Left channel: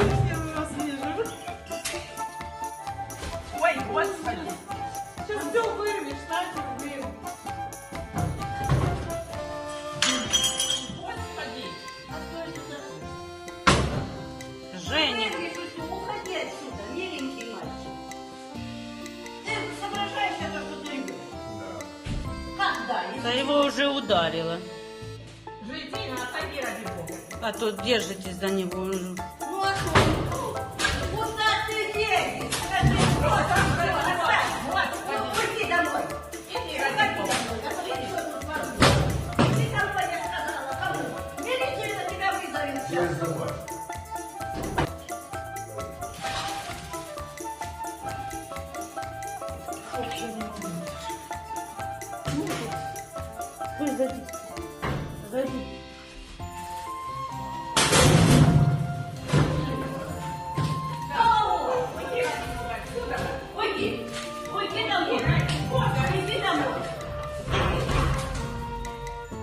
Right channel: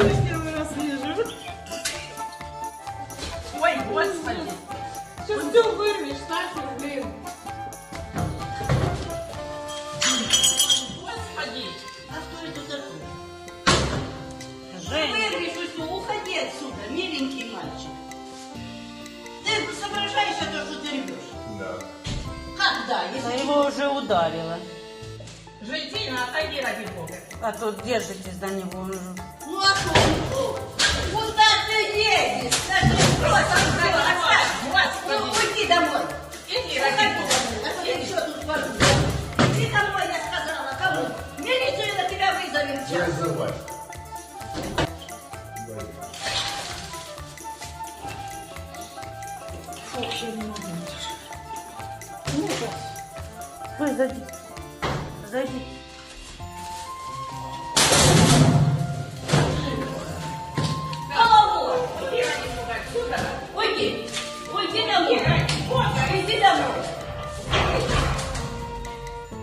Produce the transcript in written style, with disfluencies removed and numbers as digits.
Первый раз вижу. Ой, господи. Сейчас все вырвешь, Настя, блин. Господи. Женя. Уходи отсюда, миленький мальчик. Ты соображаешь это, что ты ревешь? Да. Когда? Да его уже ударило. Житина, отойди, ради бога. А то держитесь за него. Ну а что? Куда ты едешь? Скажи, брось, оставь. Ну, уйди домой. Иди, Уходи ради домой. бога. А то я что тут творю? Иди домой, я сказала. Кому? Милицию на тебя вызовем Не сейчас. забывай. Ой, зайди. Зайди.